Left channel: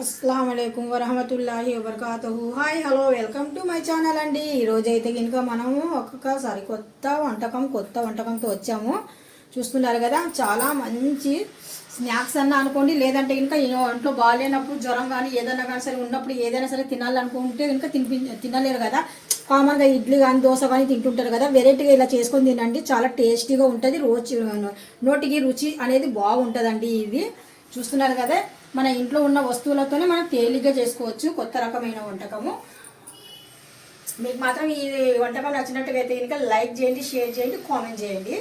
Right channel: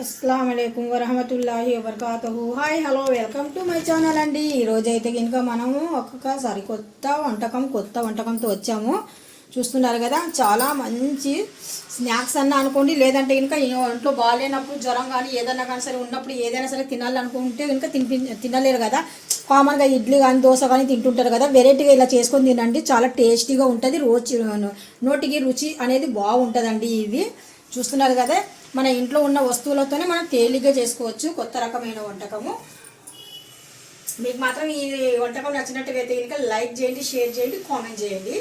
అస్సలాము అలైకుం వరహమతుల్లాహి వబర్కాతుహు. Hi hello welcome to my channel అండి. ఈరోజైతే కనుక మనము ఒక్క సరికొత్త వంటకంతో వచ్చాము. చూస్తున్నారు కదా, చాలా మంచి స్నాక్స్ అన్న అనుకోండి, లేదంటే కనుక ఒంట్లో బాగాలేనప్పుడు జ్వరం కానీ ఏదన్నా కానీ సరే ఉన్నప్పుడు ఏదైనా సరే తినాలనుకుంటే కనుక తినలేరు కదా. కామన్గా ఇడ్లీ కానీ దోశ కానీ తింటుంటారు కదా. వెరైటీగా ఇలా చేసుకొని తినండి, చాలా టేస్టీగా ఉంటుంది. నోటికి రుచి అనేది బాగుంటుందండి. ఇది చూస్తున్నారు కదా, మన ఇంట్లో ఉన్న వస్తువులతోనే మనం తేలిగ్గా చేసుకోవచ్చు. కొత్త రకమైన వంటకము. మీకు మాత్రం ఈ వంటకం నచ్చినట్టుగైతే కనుక లైక్ చేయండి, షేర్ చేయండి, కామెంట్ చేయండి.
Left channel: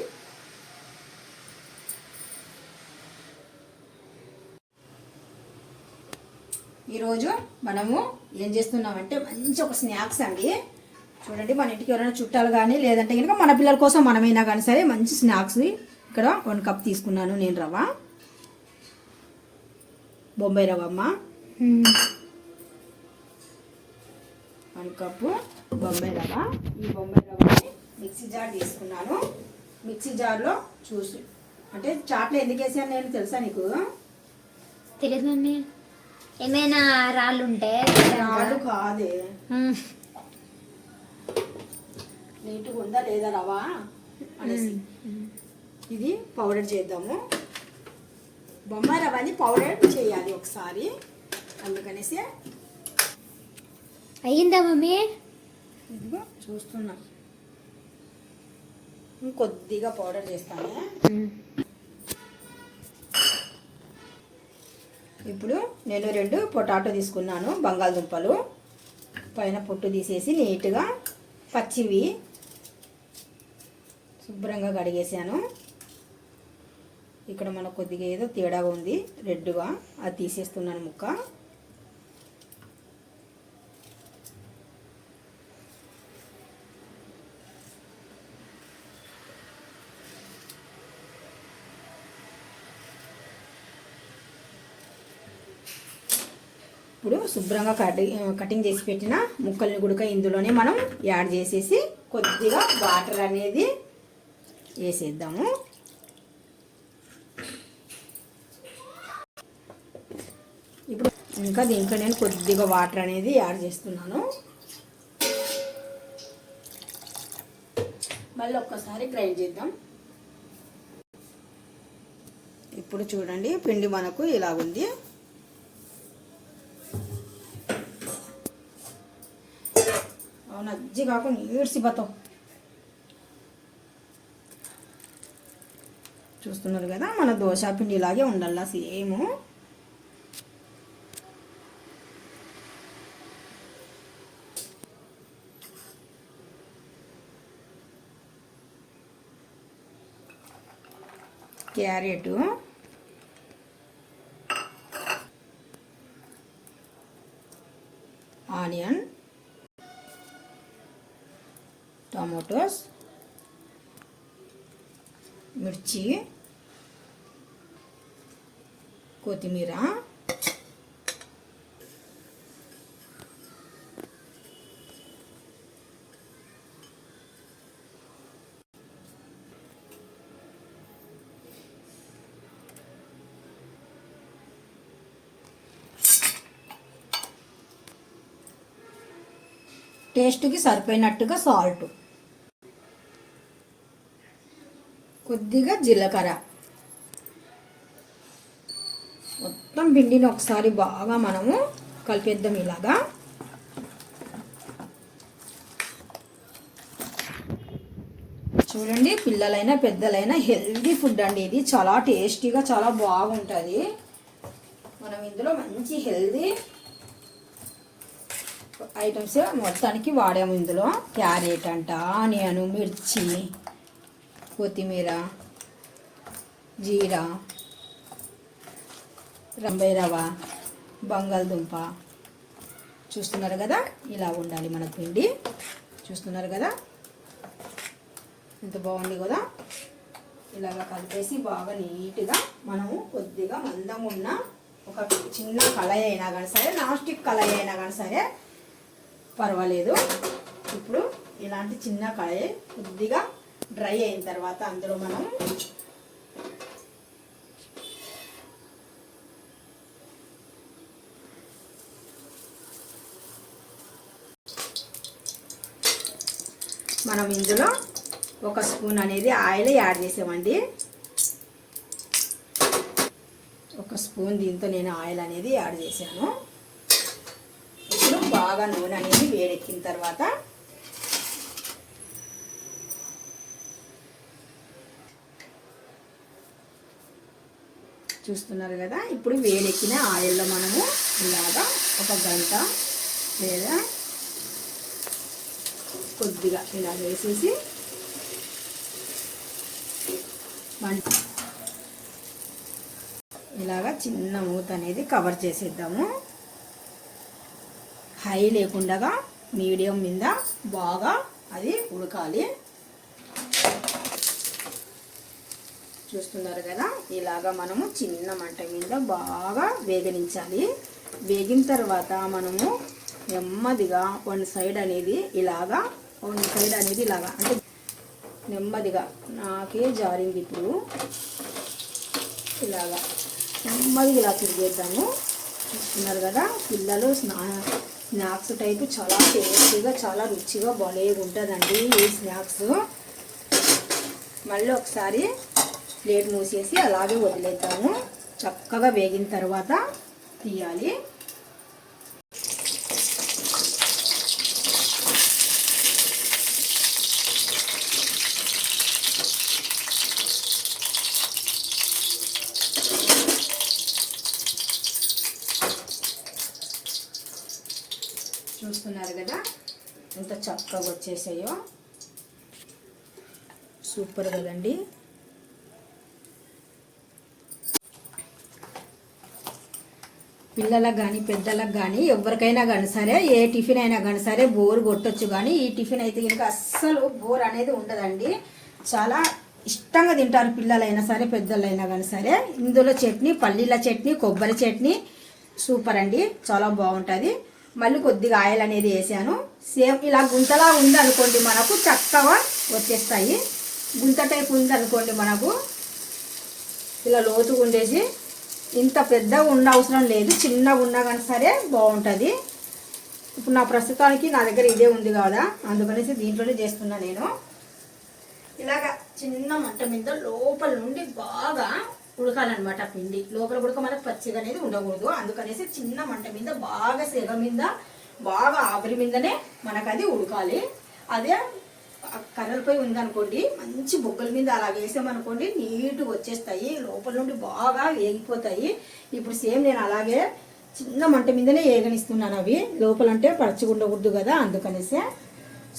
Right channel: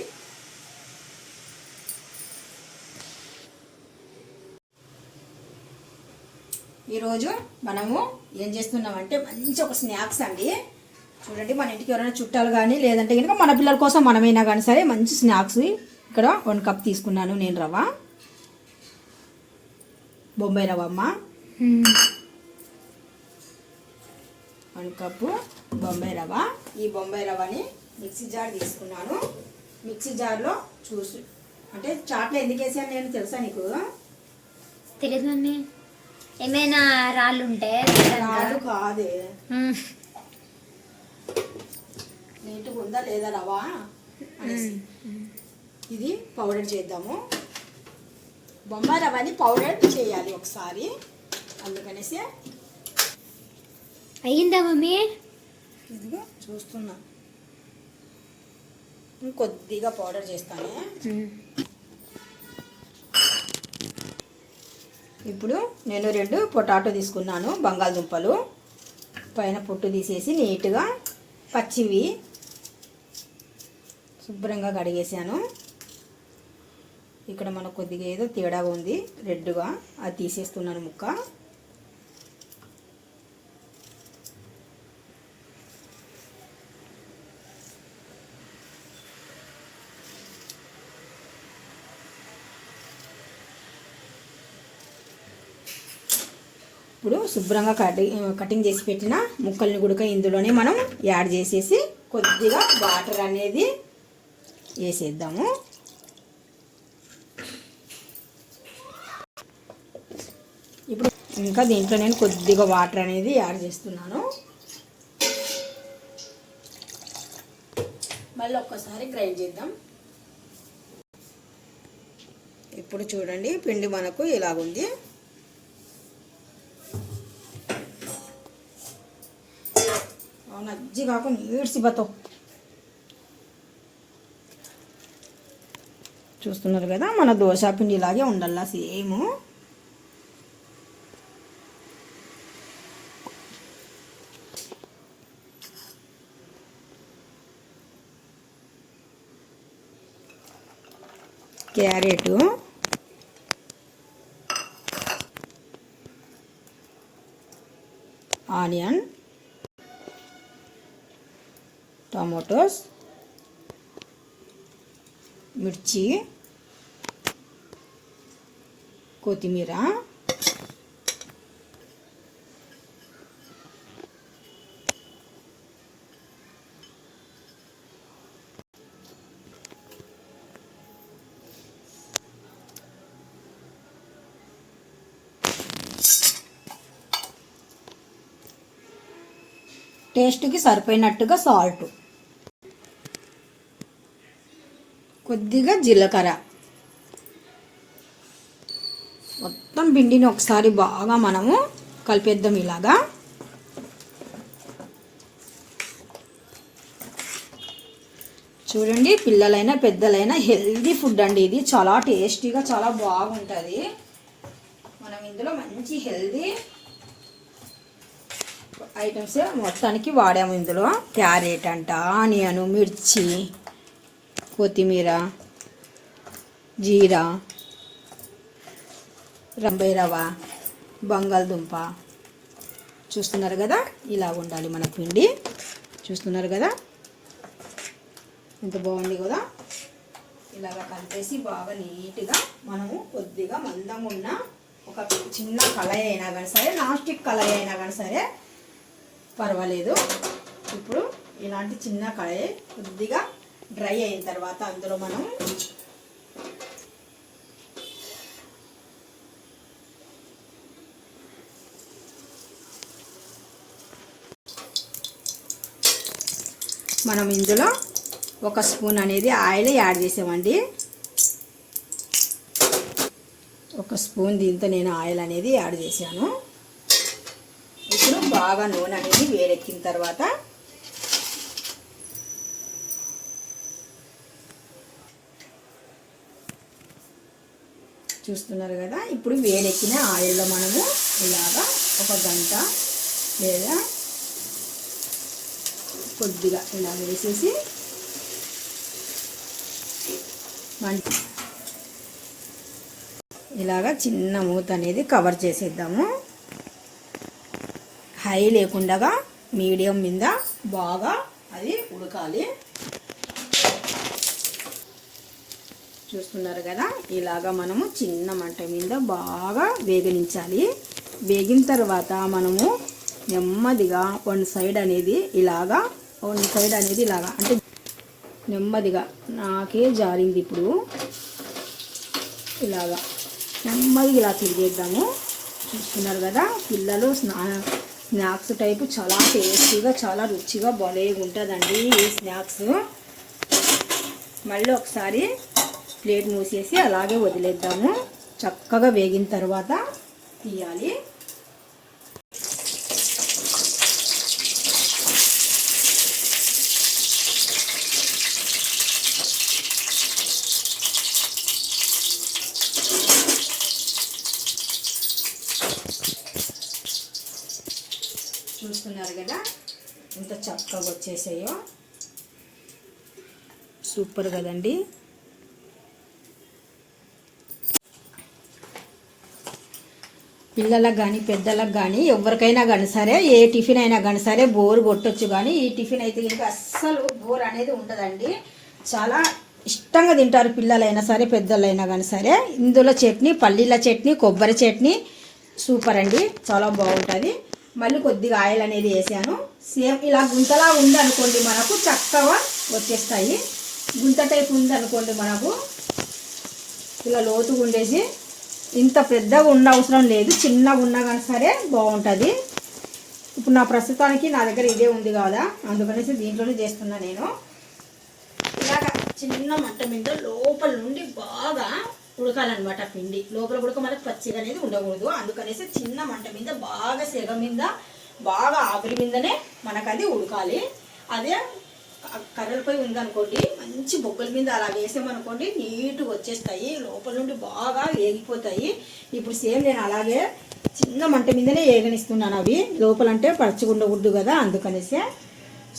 ఈరోజు మనము ఏం చేస్తున్నామంటే మంచి ఒక స్నాక్స్ అండి. చూడండి, మన ఇంటికి ఎవరైనా చుట్టాలు కానీ లేదంటే కనుక మన పిల్లల కోసం మనమైనా కానీ సరే మంచి స్నాక్స్. ఇక్కడ 1 కప్ తీసుకున్నాను నేను రవ్వ, బొంబాయి రవ్వ అమ్మ. 1 కప్పు బొంబాయి రవ్వ. ఈ బొంబాయి రవ్వని మిక్సీ జార్ తీసుకున్నాను. మిక్సీ జార్లో అంటే చాట్లో ఎందుకు వేసాను నేను తెలుసా నీకు? తెలియదు. ఏమైనా రాళ్ళు ఉంటే? రాళ్ళు కాదే, నీట్గా ఉందా లేదా రవ్వ అనేసి ఇది పౌడర్ చేద్దాము. బొంబాయి రవ్వని పౌడర్ చేయాలి ఒకసారి, అందుకనేసి. అయ్యిందా మమ్మీ? ఇదిగో చూస్తున్నా, ఇంకొద్దిగా పౌడర్ చేస్తానే. ఇప్పుడు నేను 2 పొటాటో తీసుకున్నాను, బంగాళదుంపలు. పైన పొట్టు తీసేసి నీట్గా పచ్చివి శుభ్రంగా కడిగేసాను. ఇక్కడ మనకు కొద్దిగా ఏదో తేడాగా ఉంది, రెడ్గా, అది తీసేస్తున్నాను ముక్క. ఇప్పుడు శుభ్రంగా కటింగ్ చేసి పెట్టిన ముక్కల్ని కూడా ఇందులోనే మనం యాడ్ చేసేసి కొద్దిగా వాటర్ అనేది వేసేద్దాము. ఇప్పుడు ఇంకా దీంట్లో నేను కొద్దిగా వాటర్ అనేది యాడ్ చేస్తున్నాను. మళ్ళీ ఒక్కసారి గ్రైండ్ చేద్దాం. ఇప్పుడు చూడండి, పిండి మనకు ఇలా ఉంది. నజ్జి కాకుండా నీడ్సి బతో చూస్తున్నారు కదా, మన దోశ పిండి ఇలాగే ఉండాలా సేమ్. క్యారెట్, ఆనియన్, టమాటోస్, మిర్చి, కొత్తిమీర, టేస్ట్కి సరిపోయినట్టుగా సాల్ట్, కొద్దిగా జీలకర్ర. మొత్తం పిండిని ఒకసారి బాగా మనము కలిపేద్దాం ఇలాగా. చూడండి, పిల్లలైనా పెద్దలైనా హెల్దీ ఫుడ్ అండి ఇది. చాలా టేస్టీగా చాలా బాగుంటుంది. మనం ఇందులో మంచి హెల్దీ ఐటమ్స్ మొత్తానికి వాడాము. ఇందులో క్యారెట్ అంట, ఆనియన్, మిర్చి, కొత్తిమీర, జీరా, బొంబాయి రవ్వ, బంగాళదుంప. చూస్తున్నారు కదా, ఇలా ఉండాలి మన పిండి. చూస్తున్నారు కదా ఎంత బాగుంది కదా. ఇలాగ కలిపేసి బాగా నీట్గా మనము కొద్దిగా మందంగా ఉన్న ఒక చిన్న కళాయి అయినా కానీ సరే, నాన్ స్టిక్ కళాయి అయినా కానీ సరే పర్వాలేదు. ఇప్పుడు ఇలాంటి చిన్న కళాయి కొద్దిగా డ్రై అయిన తర్వాత అందులో మనం మనం ఇందులో 1 స్పూన్ అనేది ఆయిల్ యాడ్ చేసామండి. 1 స్పూన్ దీంతో నేను ఆయిల్ అనేది యాడ్ చేశాను. ఇప్పుడు బాగా నూనె అనేది వేడెక్కిన తర్వాత చూస్తున్నారు కదా, ఇప్పుడు వేడెక్కిన ఆయిల్లో మనము ఇలాగా 1 గంట లేదా కొద్దిగా ఇలా వేసేసి ఇలాగా చిన్న మూత అనేది కవర్ చేసేద్దాము. హై లేకుండా మీడియం మీద బాగా అది ఉడకాలి. చూస్తున్నారు కదా, ఇలాగా మనము చిన్న మంట మీద బాగా వేగనించాలి. వేగిన తర్వాత మనము నెమ్మదిగా వన్ సైడ్ అనేది ఇలాగా అంటే నెమ్మదిగా నాకే జారింది. ఇప్పుడు ఇలాగా నెమ్మదిగా ఇలా తిరిగేద్దాము. చూస్తున్నారు కదా, పిల్లలు స్నాక్స్ టైపు చాలా టేస్టీగా చాలా రుచిగా భలే ఉంటుందండి ఈ స్నాక్స్. మళ్ళీ ఒకసారి ప్లేట్ మూసేసి అలాగే వదిలేద్దాము. చక్కగా వేగిన తర్వాత తీయాలి. చూస్తున్నారు కదా ఎంత చక్కగా వచ్చేసాయో, సూపర్ కదండి. పిల్లలకు కానీ పెద్దలకు కానీ ఎవరికైనా కానీ సరే, ఏ టిఫిన్ అయినా కానీ సరే బోర్ కొట్టొచ్చు. కానీ ఈ టిఫిన్ అయితే కనుక అస్సలు బోర్ అనేది ఉండదండి. చాలా ఇష్టంగా తింటారు పిల్లలైనా సరే పెద్దలైనా కానీ సరే. ఇందులో చట్నీ, పల్లీల చట్నీ, కొబ్బరి చట్నీ సూపర్ అండి, చాలా బాగుంటుంది. మళ్ళీ కొద్దిగా ఆయిల్ అనేది వేసాను. సేమ్ ఇలా గుంతలా ఉందనుకోండి మనకు చక్కగా వచ్చేస్తాయి. గుంత టైప్ ఉందనుకోండి మనకు ఇలా లోతుగా ఉండేసి, ఇంత పెద్దగా ఉండ అవసరం లేదు, చిన్నగా ఉన్నా కానీ సరే బాగుంటుంది. ఇప్పుడు నా ప్రస్తుతానికి నా దగ్గర ఇదే ఉంది కదా, అందుకనేసి దీంట్లోనే చేస్తున్నా నేను. ఇలాగ చిన్న మంట మీద లోపల నుండి బాగా ఉడకాలన్నమాట పిండి. లోపల కూడా మనకు పచ్చిగా అనేది ఉండకూడదు. అందుకనేసి చిన్న మంట మీద బాగా సెగ మీద బాగా ఆవిరి మీదనే మనకు అది ఉడకాలి. అదే కర్రలపై ఉందనుకోండి, మంచి బొగ్గల మీద అలా వేసామనుకోండి నీట్గా వచ్చేస్తాయి, లోపల నుండి బాగా వేగిపోతాయి. ఇప్పుడు సేమ్ నేను అలాగే చిన్న మంట మీదనే వేగనిస్తున్నాను. అవి లోపలంటే పచ్చిగా ఉండకూడదు కదా, అందుకనేసే.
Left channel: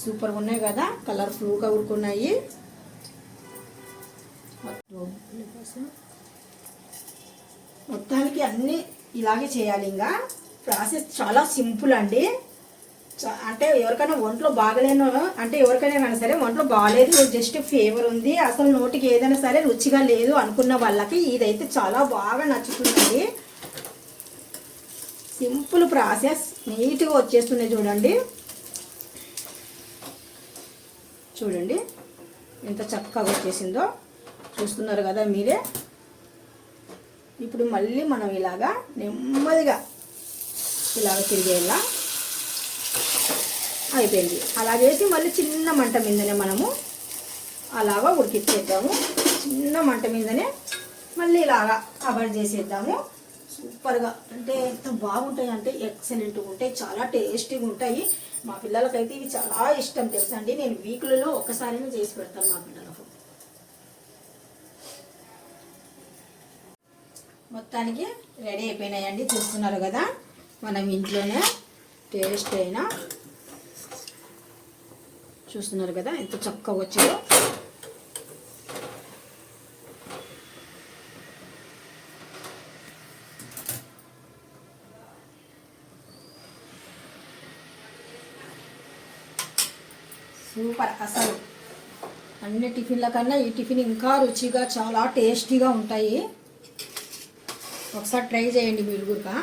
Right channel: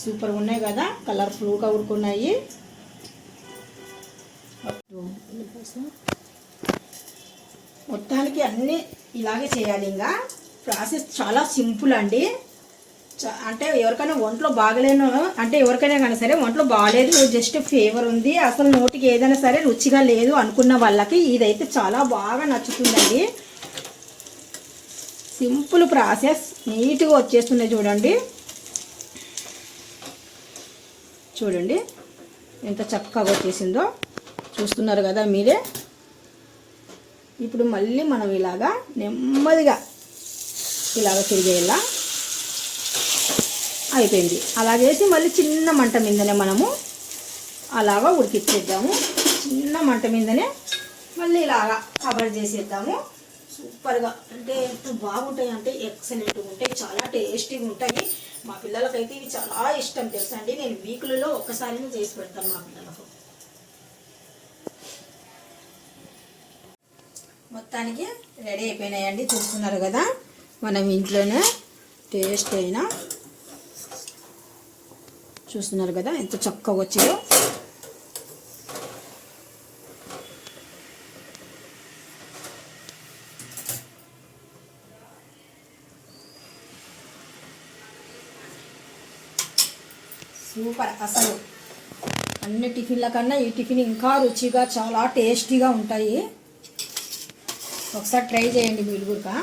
సూపర్గా ఉన్నాయి కదా, కలర్ఫుల్గా ఉడుకున్నాయి. మొత్తానికి అన్నీ ఇలాగే చేయాలి. ఇంకా ప్రాసెస్ చాలా సింపుల్ అండి. అంటే ఎవరికైనా ఒంట్లో బాగలేను, అంటే ఎవరికైనా కానీ సరే ఒంట్లో బాగాలేదు, జస్ట్ ఫీవర్ ఉంది, అసలు నోటికి ఏదైనా సరే రుచిగా లేదు అనుకున్న వాళ్ళకి ఇదైతే చాలా బాగా నచ్చుతుందండి. సింపుల్ ప్రాసెస్, నీట్గా వచ్చేస్తున్నాయి. చూడండి ఎంత చక్కగా వచ్చేసిందో. చూస్తున్నారు కదా మీరే. ఇప్పుడు మళ్ళీ మనం ఇలాగా నెమ్మదిగా ఇలాగ తిరిగేలా అయిపోయింది. అలా చేసి మళ్ళీ చిన్న మంట మీదనే మనము అలాగా ఉడికిచ్చేద్దాము. చిన్న మంట మీదనే మళ్ళీ ఇలాగా కవర్ చేసేద్దాము. సూపర్గా అంటే ఎంత బాగుంటాయి అంటే ఎక్సలెంట్గా ఉంటాయి, చాలా టేస్టీగా ఉంటాయి. మా పిల్లలకైతే ఇవి చాలా ఇష్టం తెలుసా అండి. నేను వీక్లలో ఒక్కసారినే చేసి పెడతాను మా పిల్లలకు. మొత్తానికి రెడీ అయిపోయినాయండి. చూస్తున్నారు కదా, మనం ఇంట్లోనే టేస్ట్ అయినా చూస్తున్నారు కదా ఎంత చక్కగా వచ్చిందో. సూపర్. అసలు అన్ని టిఫిన్ల కన్నా ఈ టిఫిన్ ఇంకా రుచిగా చాలా టేస్టీగా ఉంటాయి. ఒకసారి ట్రై చేయండి మీరు కూడా.